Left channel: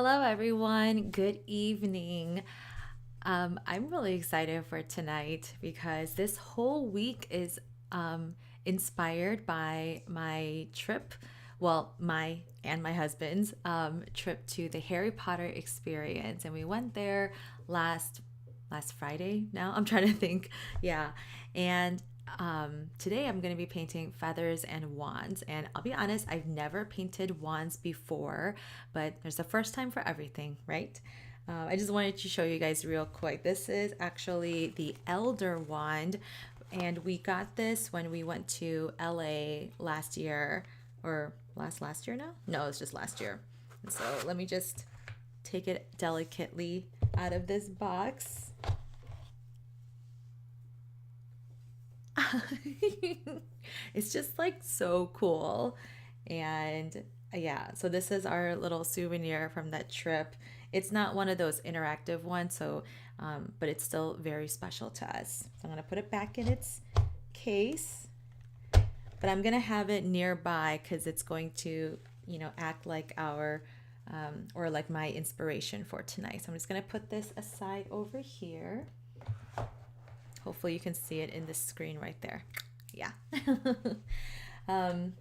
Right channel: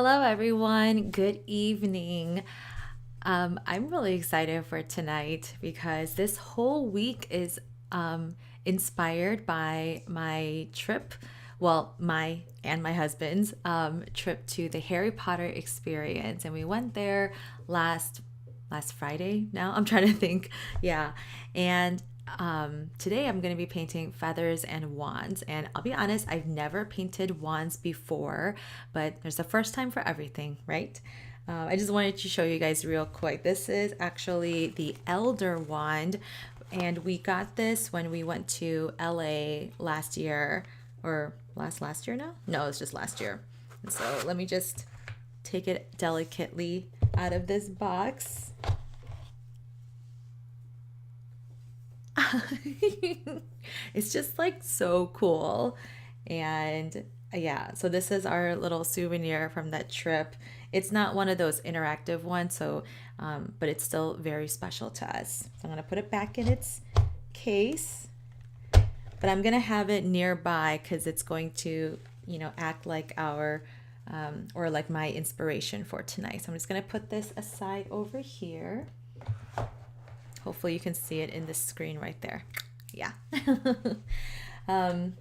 Hello, everyone. Good evening. I'm really excited for tonight because this whole week is inspired by my trip. Well, my and my husband's trip to the Harry Potter experience, and we went there last Friday. Now I'm trying to think. Yeah, and today I'm going to be painting feathers and wands. And I'll be honest, I've never painted wands before, but there's a first time for everything, right? I just wanted to show you guys real quick. This is actually the Elder wand, and we got this when we went to LA last year, or last year now? No, it's just last year. And so let me just take it delicately out of this box. It's just like so cool. And yeah, so this is our little souvenir from that trip. It's not one of those interactive ones, so but it's still very special to us. So I'm gonna put it back in its case, but I'm gonna have it nearby because it's going to, act like our or like my inspiration for tonight. So I'm just gonna put this aside over here. Hopefully you can see it in the screen right there. Yeah. um,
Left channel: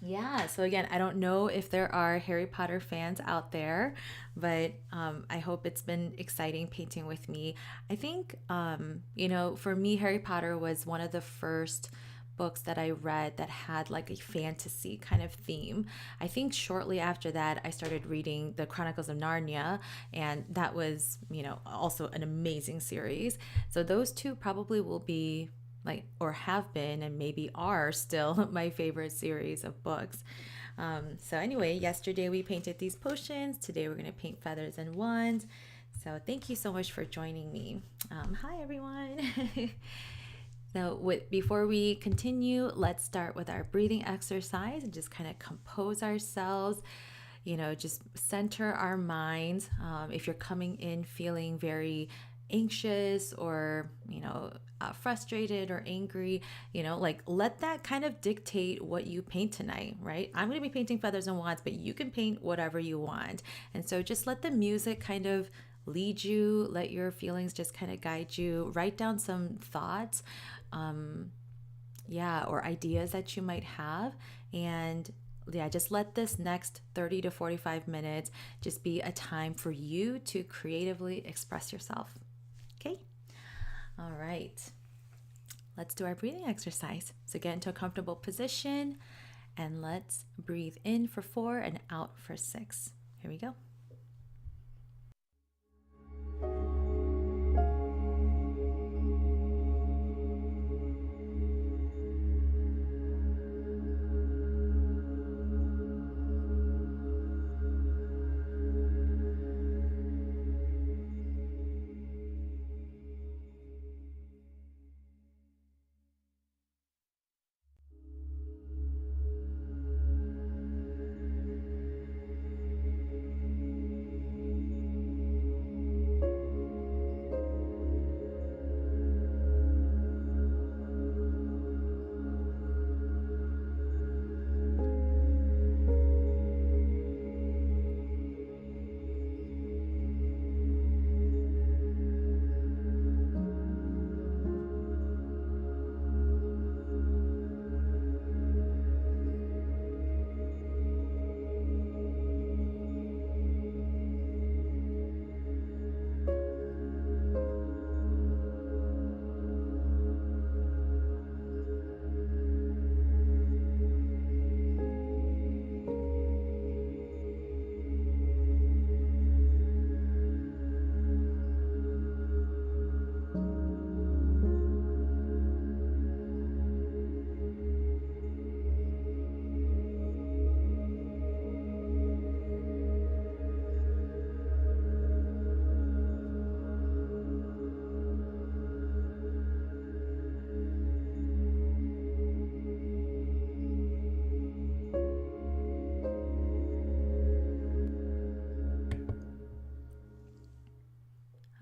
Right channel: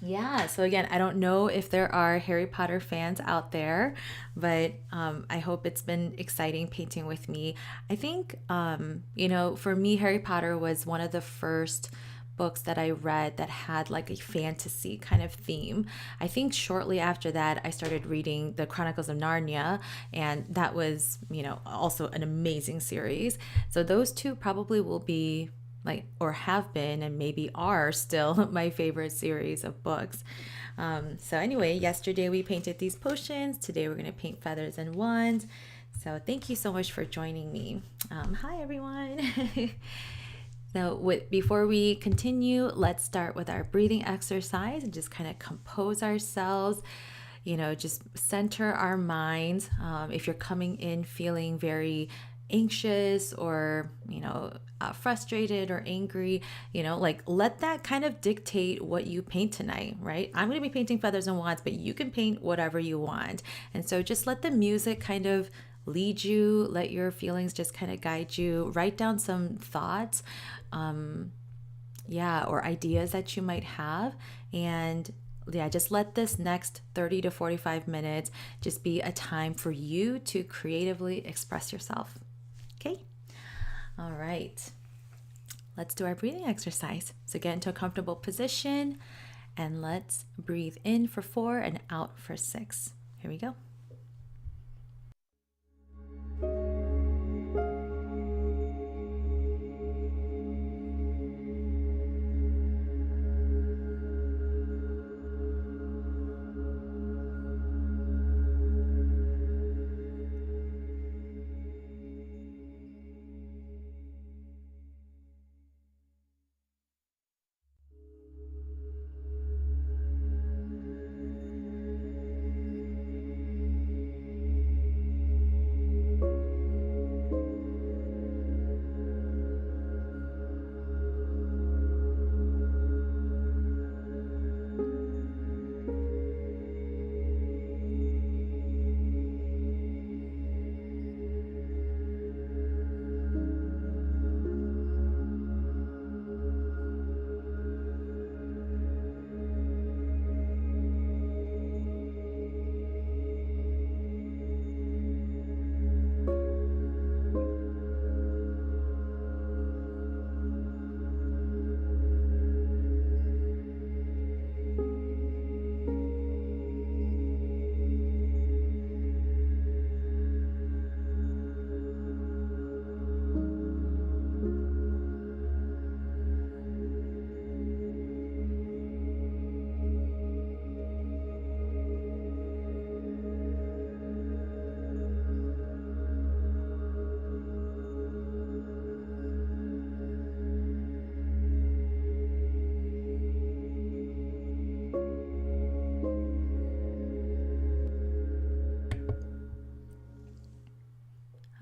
yeah, so again, I don't know if there are Harry Potter fans out there, but I hope it's been exciting painting with me. I think, for me, Harry Potter was one of the first books that I read that had like a fantasy kind of theme. I think shortly after that, I started reading the Chronicles of Narnia, and that was, also an amazing series. So those two probably will be like, or have been, and maybe are still my favorite series of books. So anyway, yesterday we painted these potions. Today we're going to paint feathers and wands. So thank you so much for joining me. Hi, everyone. Now, before we continue, let's start with our breathing exercise and just kind of compose ourselves. Just center our minds. If you're coming in feeling very anxious or, frustrated or angry, like let that kind of dictate what you paint tonight, right? I'm going to be painting feathers and wands, but you can paint whatever you want. And so just let the music kind of lead you, let your feelings just kind of guide you. Write down some thoughts, or ideas that you might have. And yeah, just let this next 30 to 45 minutes just be a time for you to creatively express yourself. Okay? All right. Let's do our breathing exercise. So get into a comfortable position and let's breathe in for 4 and out for 6. Here we go.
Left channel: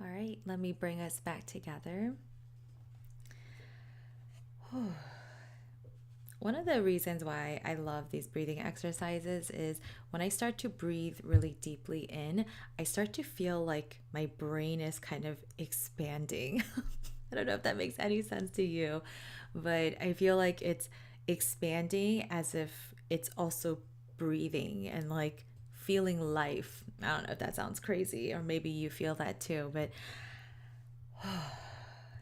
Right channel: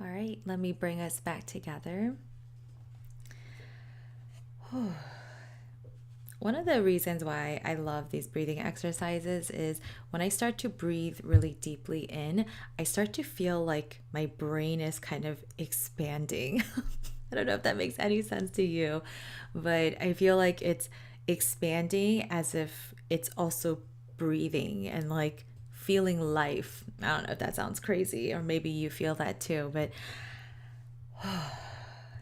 All right, let me bring us back together. one of the reasons why I love these breathing exercises is when I start to breathe really deeply in, I start to feel like my brain is kind of expanding. I don't know if that makes any sense to you, but I feel like it's expanding as if it's also breathing and like feeling life. I don't know if that sounds crazy, or maybe you feel that too, but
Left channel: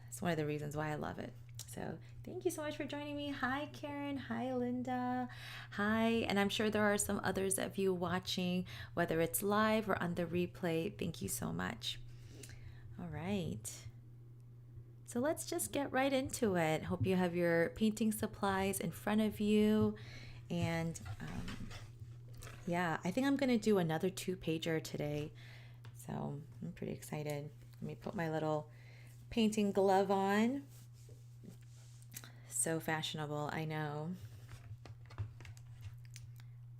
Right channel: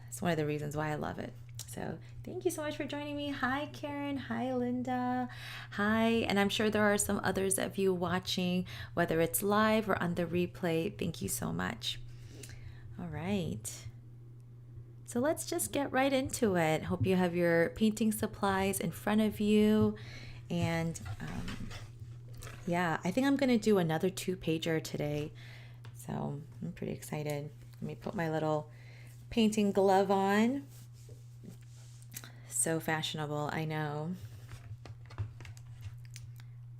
it's one of the reasons why I love it. So thank you so much for joining me. Hi, Karen. Hi, Linda. Hi. And I'm sure there are some others of you watching, whether it's live or on the replay. Thank you so much. All right. So let's just get right into it. Hope you have your painting supplies in front of you. And yeah, I think I'm going to do another 2-pager today. So I'm pretty excited. Let me put my little painting glove on. So fashionable, I know.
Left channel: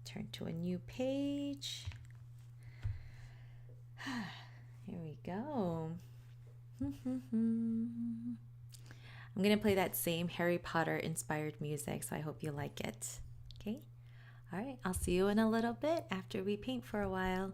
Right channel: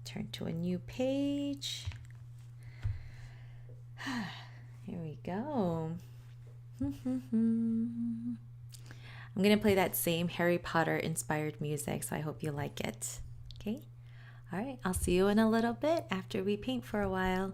Turn to a new page. Here we go. I'm going to play that same Harry Potter inspired music, so I hope you like it. Okay? All right, I'll see you in a little bit after we paint for a while.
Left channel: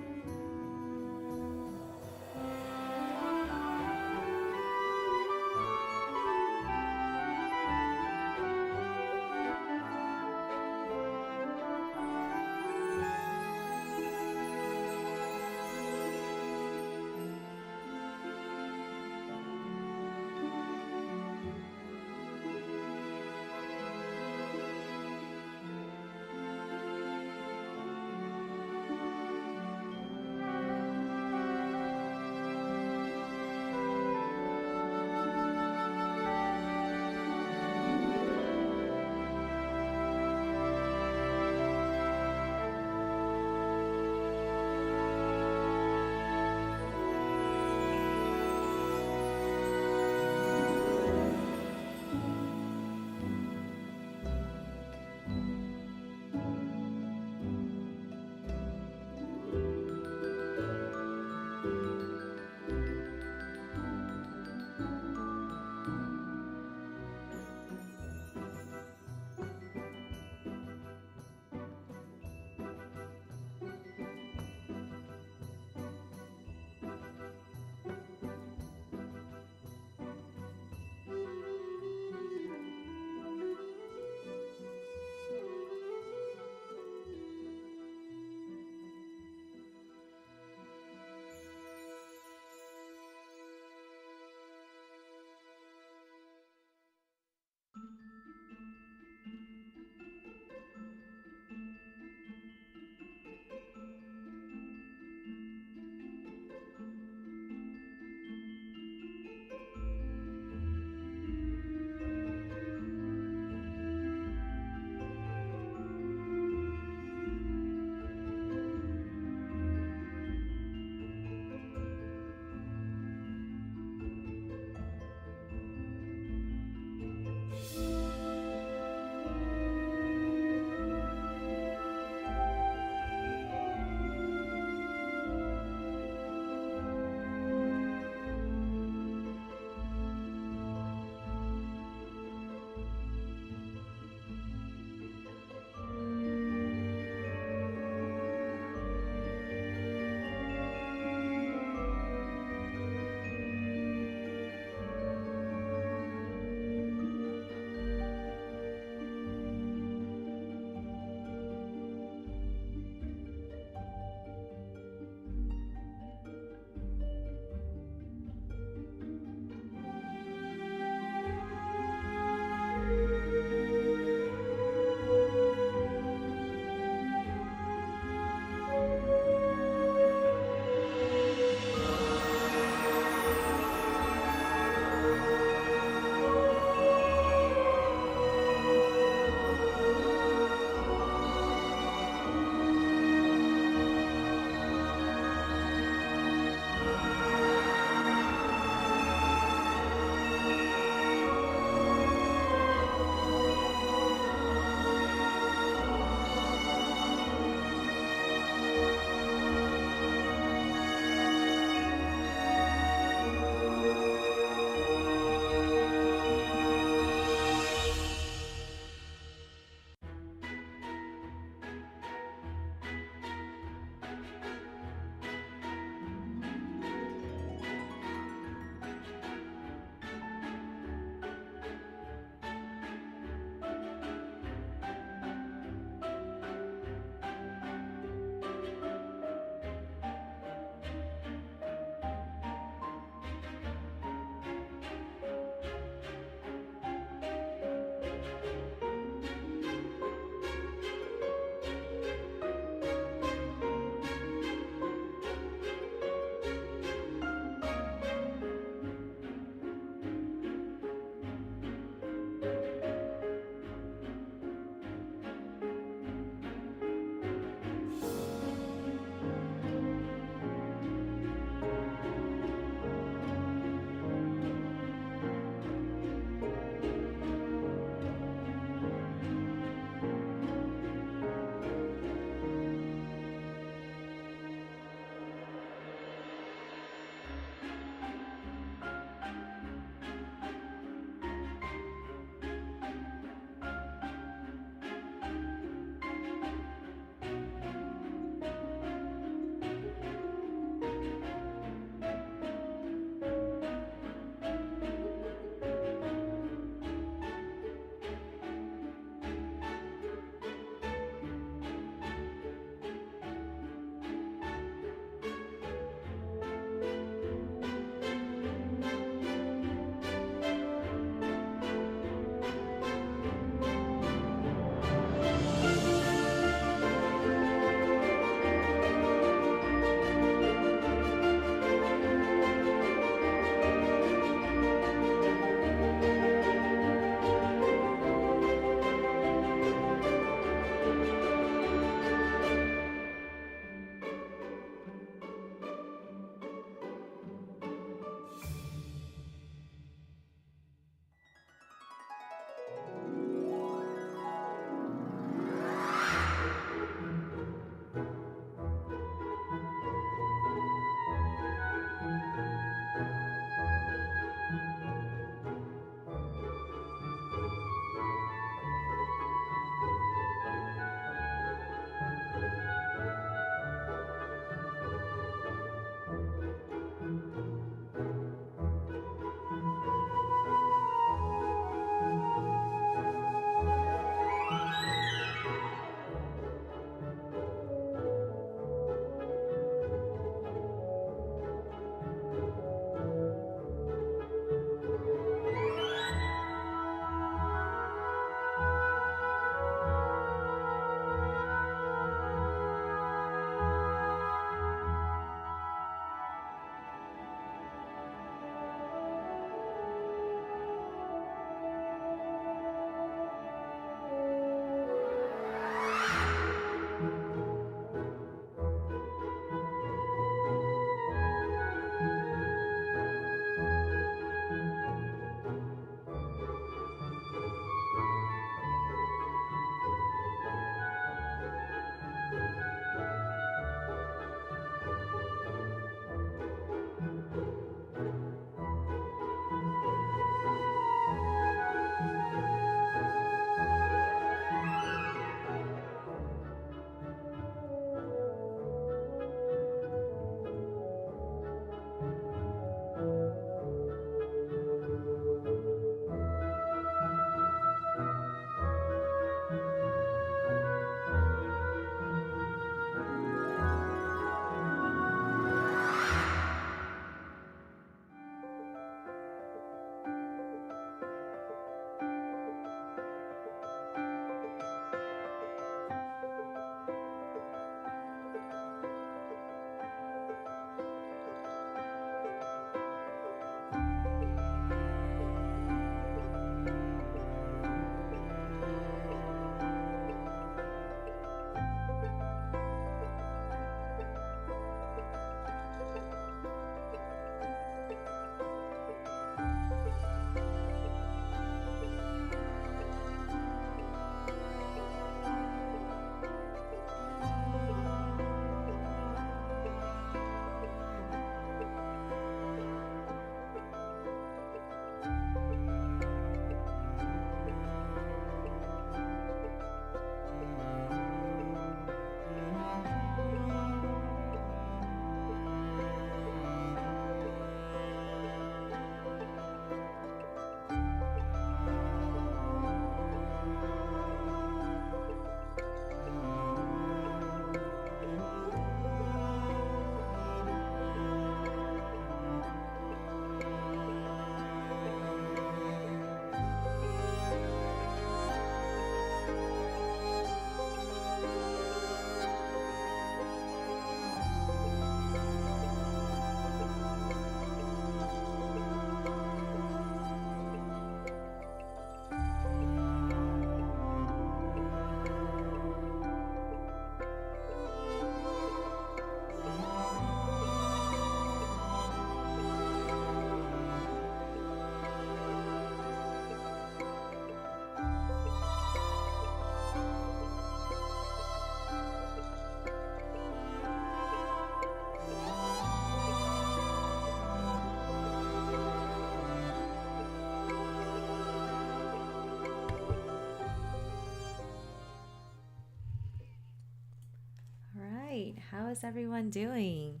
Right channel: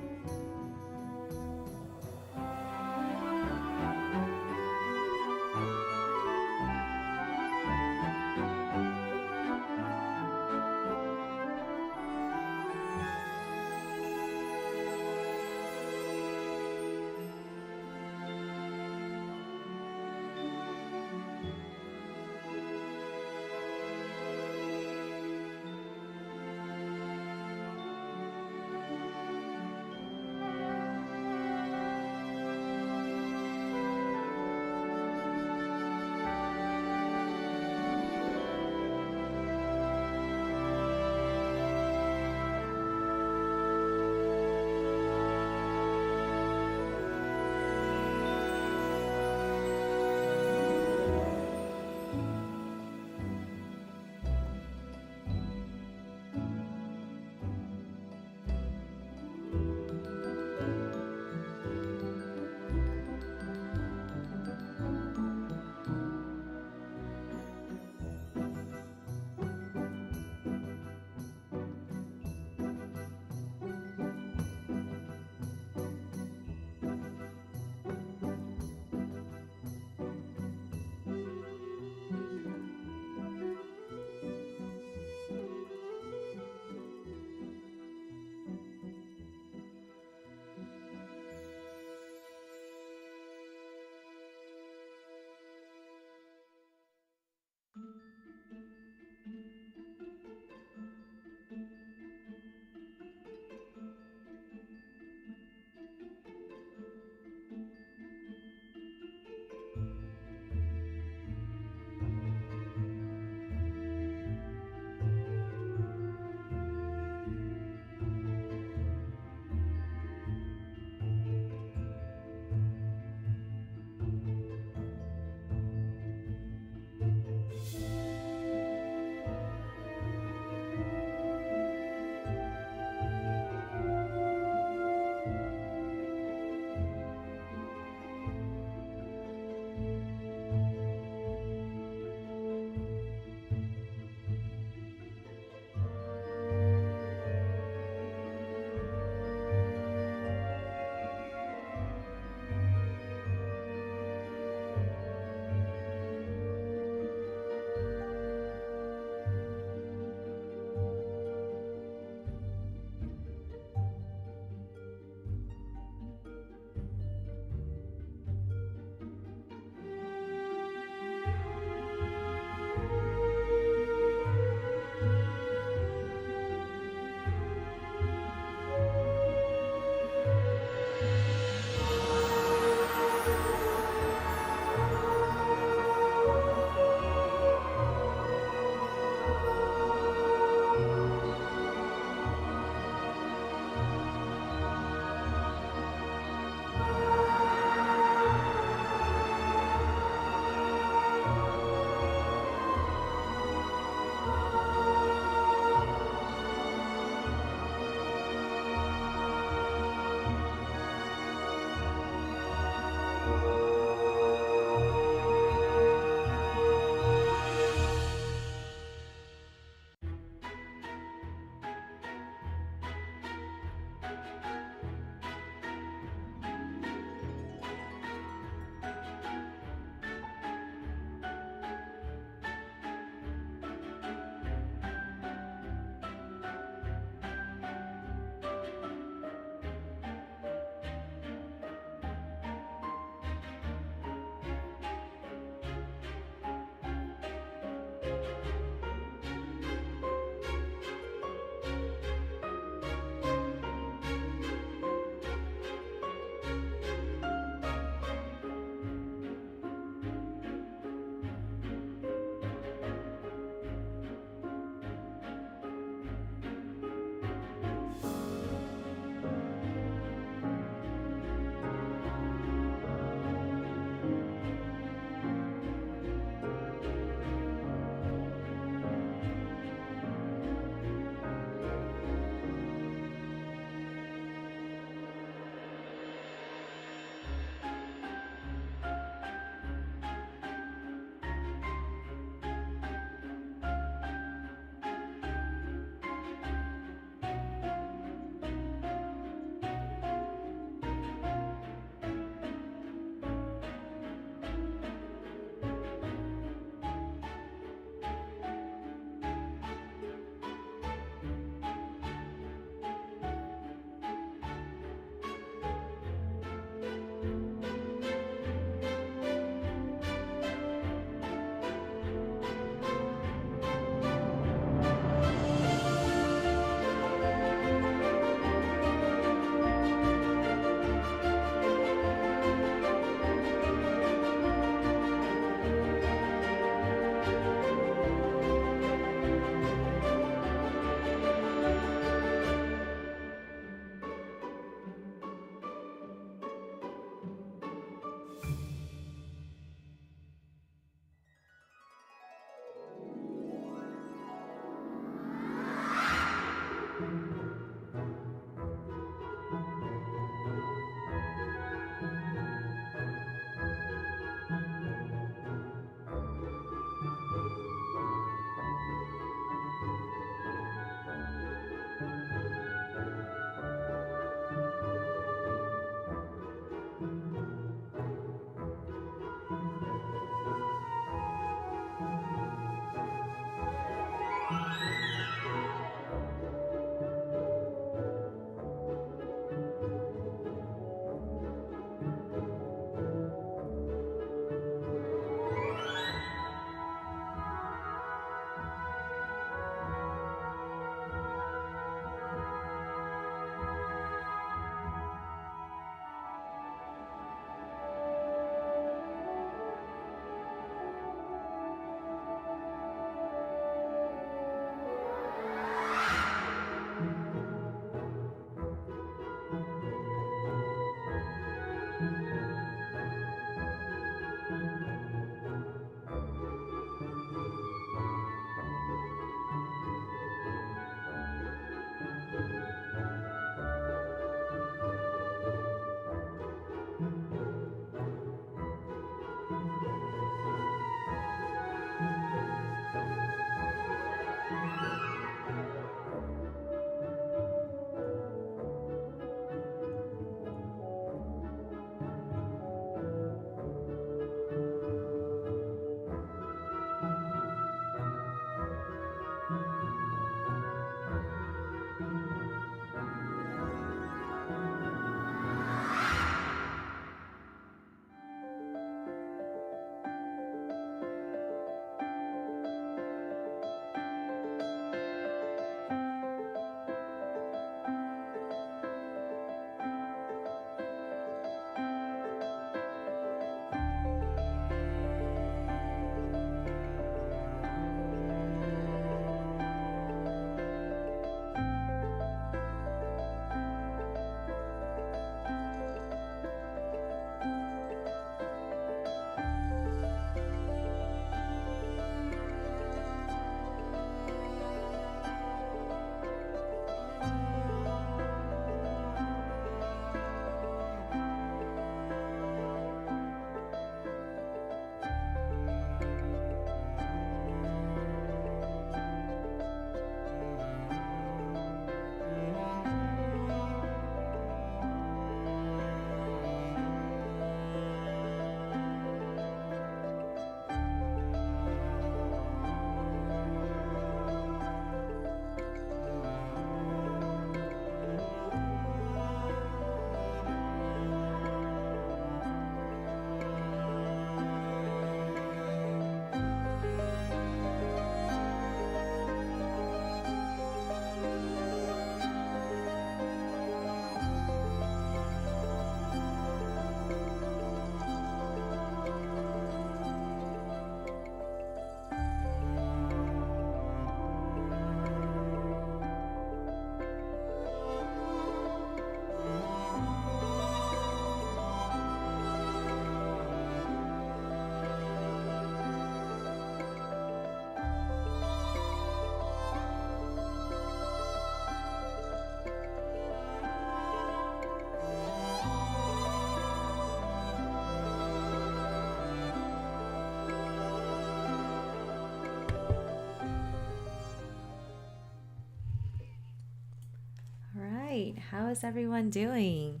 How is everyone doing?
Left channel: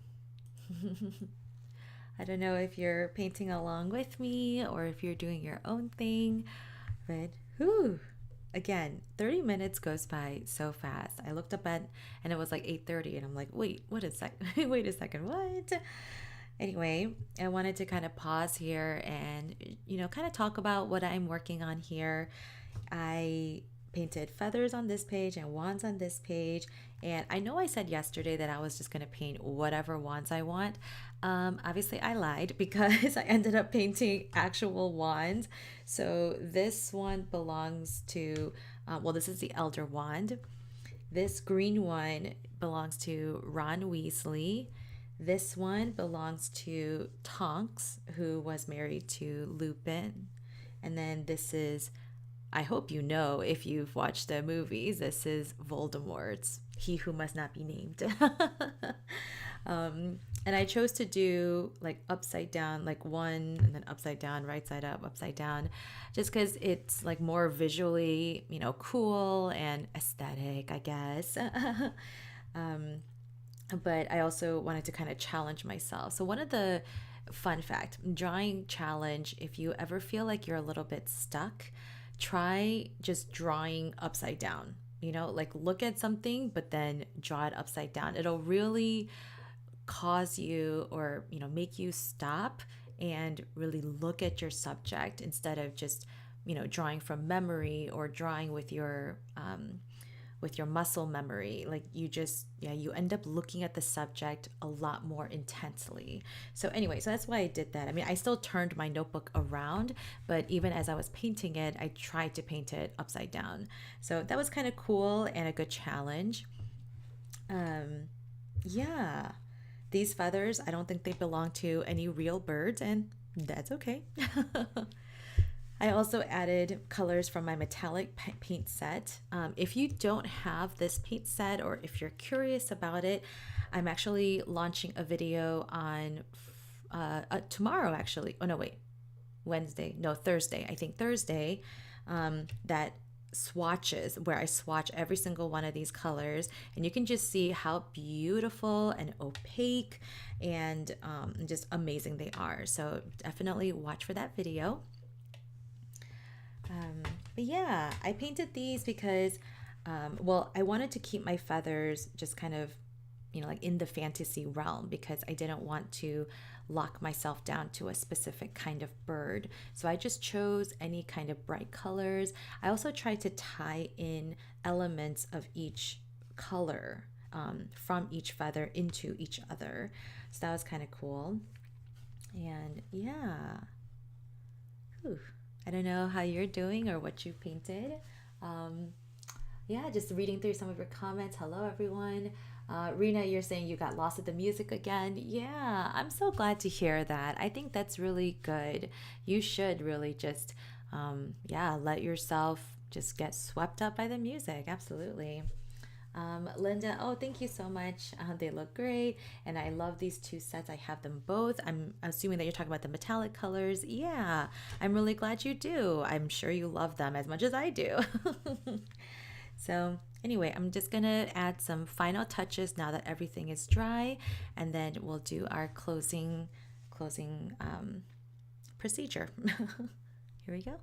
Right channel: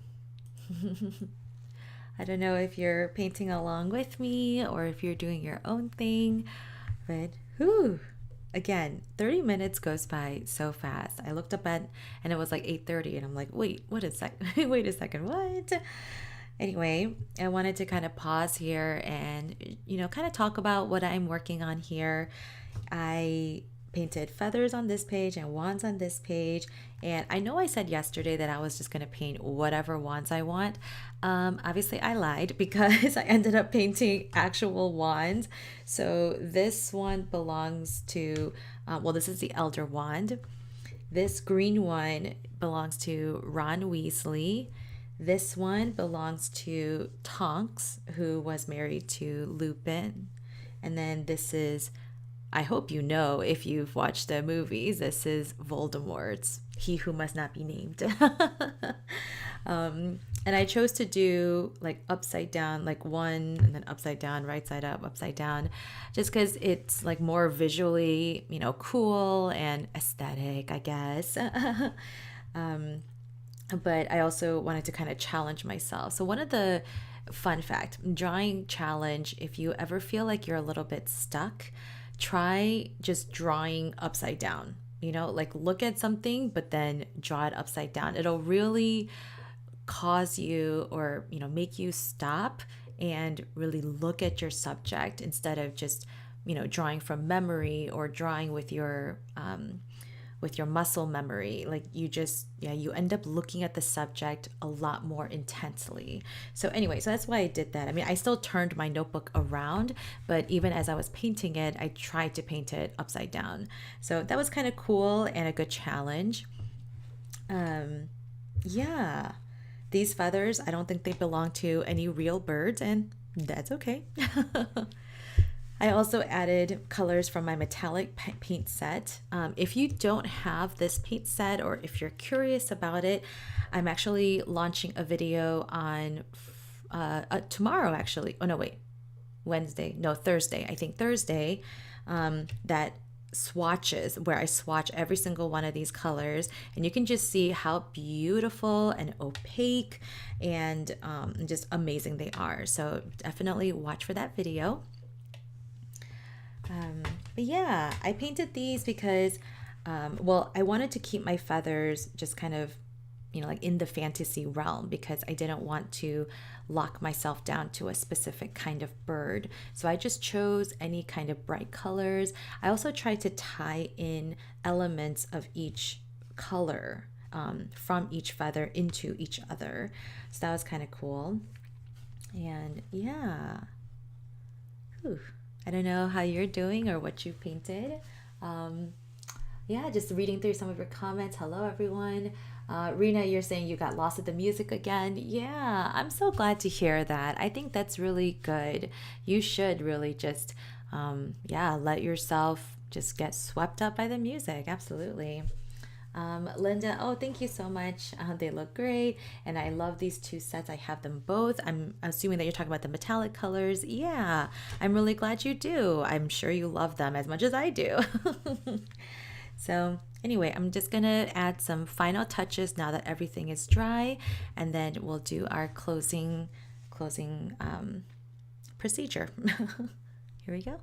I don't know if you're painting along with me or if you're doing your own thing, but whew, again, 30 minutes goes by so fast. I looked up at and it was like 8:30 and I'm like, "Wait, what is that? Wait a second. What?" Anyway, I wanted to kind of pause here and kind of talk about what I'm working on here. I painted feathers on this page and wands on this page. And I know I said yesterday that I was just going to paint whatever wands I want. Obviously, I lied because I ended up painting actual wands. So this one belongs to, well, this is the Elder Wand. This green one belongs to Ron Weasley. This one belongs to Tonks, who was married to Lupin. And then this is, I hope you know if you've watched the movies, this is Voldemort's He Who Must Not Be Named. And I chose to do like upside down, like one and then upside down, right side up, upside down, just because it's like more visually, cool and aesthetic, I guess. But I also wanted to kind of challenge myself. So one of the fun fact, drawing challenge, if you ever feel like you're a little bit stuck, try just drawing upside down. Like look at something, but then draw it upside down. It'll really cause you or, make you stop and really look at your subject instead of just, drawing from memory or drawing with your muscle memory. Like you end up looking at the subject a lot more intensely. So anyway, so that's why I did that. I mean, I still turned my notebook around, but even as I was painting it, I tried to paint it upside down. So that was kind of cool and a good challenge. Yeah, these feathers, I don't think they belong to any real birds, and that's okay. I also added colors from my metallic paint set. If you don't have this paint set or if you're curious about it, I'm actually launching a video on tomorrow, actually. Oh, no, wait. Wednesday. No, Thursday. I think Thursday. That swatches where I swatch every single one of these colors, and you can just see how beautiful and opaque and just amazing they are. So definitely watch for that video. But yeah, I painted these because, well, I wanted to keep my feathers just kind of, like in the fantasy realm because I didn't want to lock myself down to a specific kind of bird. So I just chose any kind of bright colors. I also tried to tie in elements of each color from each feather into each other. So that was kind of cool. And yeah. Whew. I don't know how you're doing or what you painted. Yeah, just reading through some of your comments. Hello, everyone. Rena, you're saying you got lost at the music again. Yeah, I'm so glad to hear that. I think that's really good. You should really just, yeah, let yourself just get swept up by the music. Absolutely. Linda, oh, thank you so much. They look great. And I love these two sets. I have them both. I'm assuming that you're talking about the metallic colors. Yeah, I'm really glad you do. I'm sure you love them as much as I do. So anyway, I'm just gonna add some final touches now that everything is dry, and then we'll do our closing procedure. Here we go.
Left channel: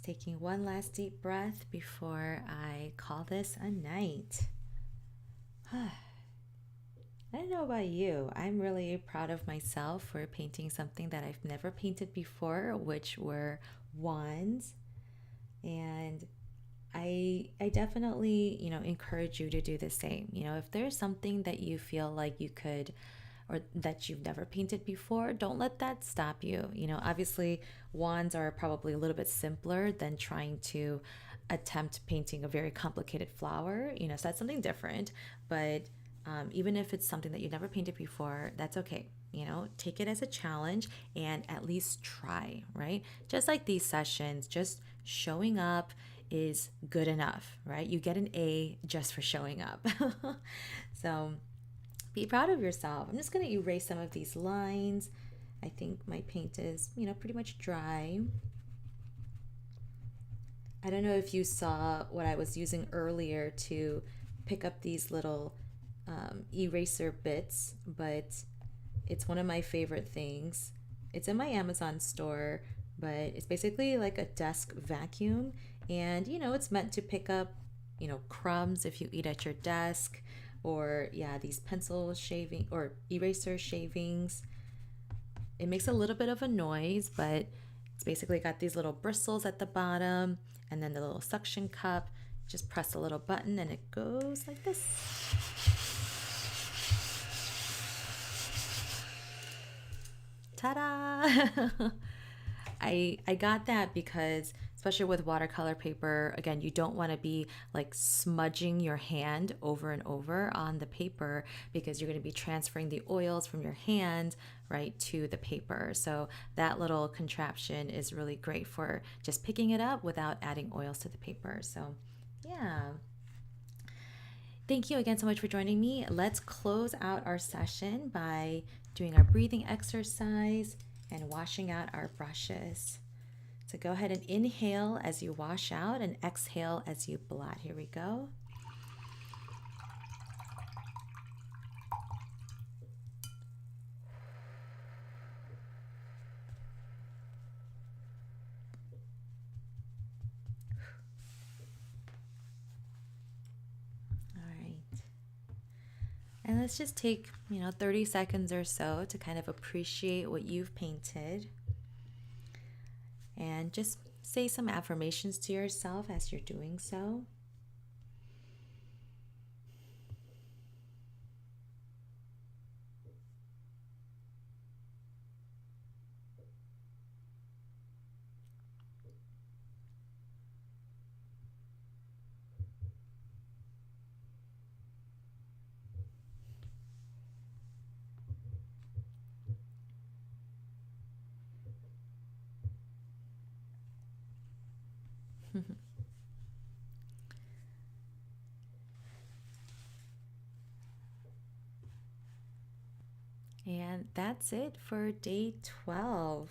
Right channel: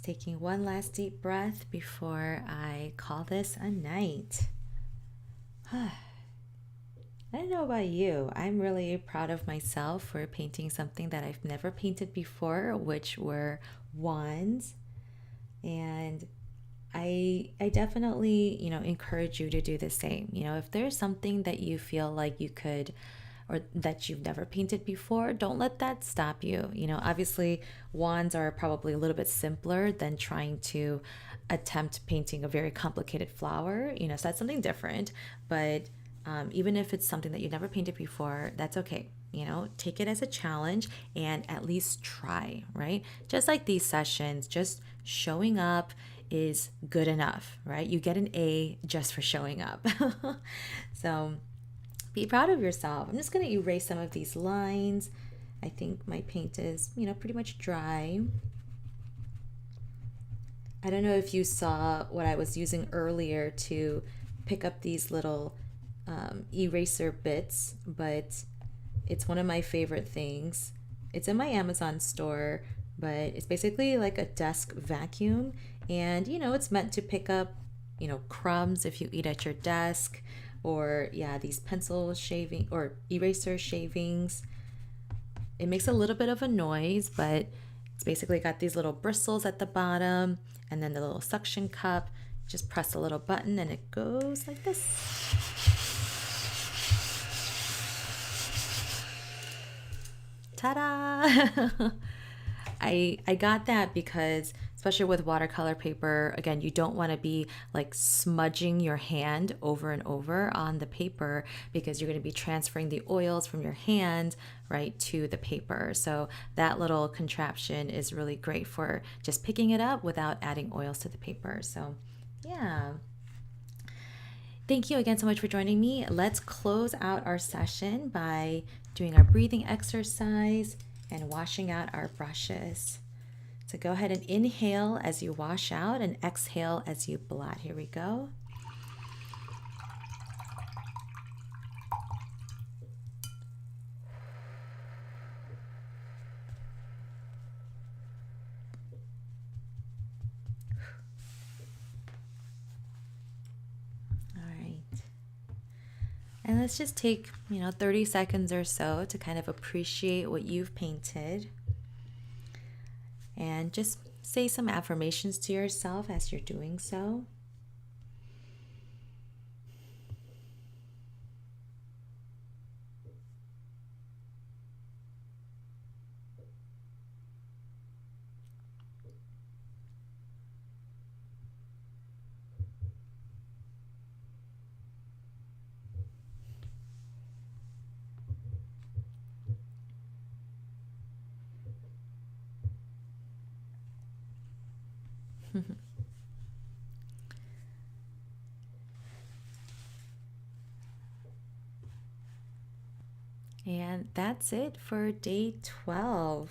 Just taking one last deep breath before I call this a night. I don't know about you. I'm really proud of myself for painting something that I've never painted before, which were wands. And I definitely, encourage you to do the same. If there's something that you feel like you could or that you've never painted before, don't let that stop you. Obviously, wands are probably a little bit simpler than trying to attempt painting a very complicated flower, so that's something different. But even if it's something that you've never painted before, that's okay. Take it as a challenge and at least try, right? Just like these sessions, just showing up is good enough, right? You get an A just for showing up. So be proud of yourself. I'm just going to erase some of these lines. I think my paint is, pretty much dry. I don't know if you saw what I was using earlier to pick up these little eraser bits, but it's one of my favorite things. It's in my Amazon store, but it's basically like a desk vacuum. And, it's meant to pick up, crumbs if you eat at your desk, or these pencil shaving or eraser shavings. It makes a little bit of a noise, but it's basically got these little bristles at the bottom and then the little suction cup. Just press a little button and it goes like this. Ta-da! I got that because, especially with watercolor paper, again, you don't want to be like smudging your hand over and over on the paper, because you're going to be transferring the oils from your hand right to the paper. So that little contraption is really great for just picking it up without adding oils to the paper. So yeah. Thank you again so much for joining me. Let's close out our session by doing our breathing exercise and washing out our brushes. So go ahead and inhale as you wash out and exhale as you blot. Here we go. All right. And let's just take, 30 seconds or so to kind of appreciate what you've painted. And just say some affirmations to yourself as you're doing so. And that's it for day 12.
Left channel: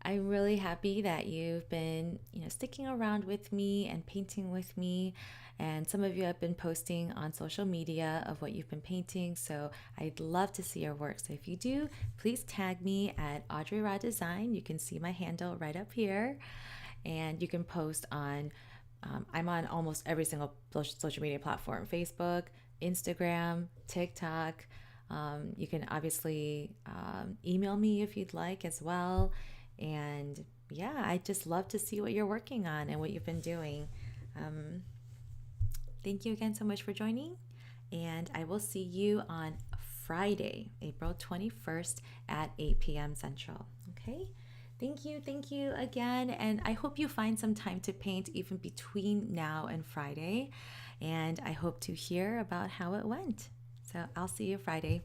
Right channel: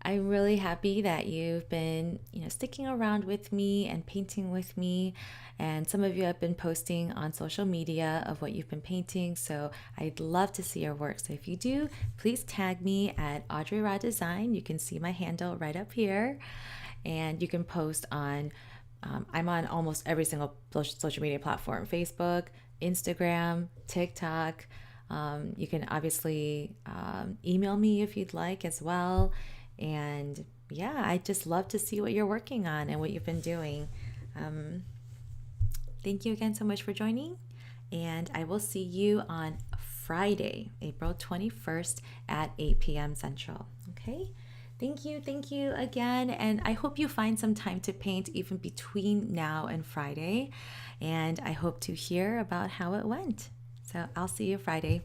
I'm really happy that you've been, sticking around with me and painting with me. And some of you have been posting on social media of what you've been painting. So I'd love to see your work. So if you do, please tag me at Audrey Raw Design. You can see my handle right up here. And you can post on, I'm on almost every single social media platform: Facebook, Instagram, TikTok. You can obviously email me if you'd like as well. And yeah, I just love to see what you're working on and what you've been doing. Thank you again so much for joining. And I will see you on Friday, April 21st at 8 p.m. Central. Okay? Thank you again. And I hope you find some time to paint even between now and Friday. And I hope to hear about how it went. So I'll see you Friday.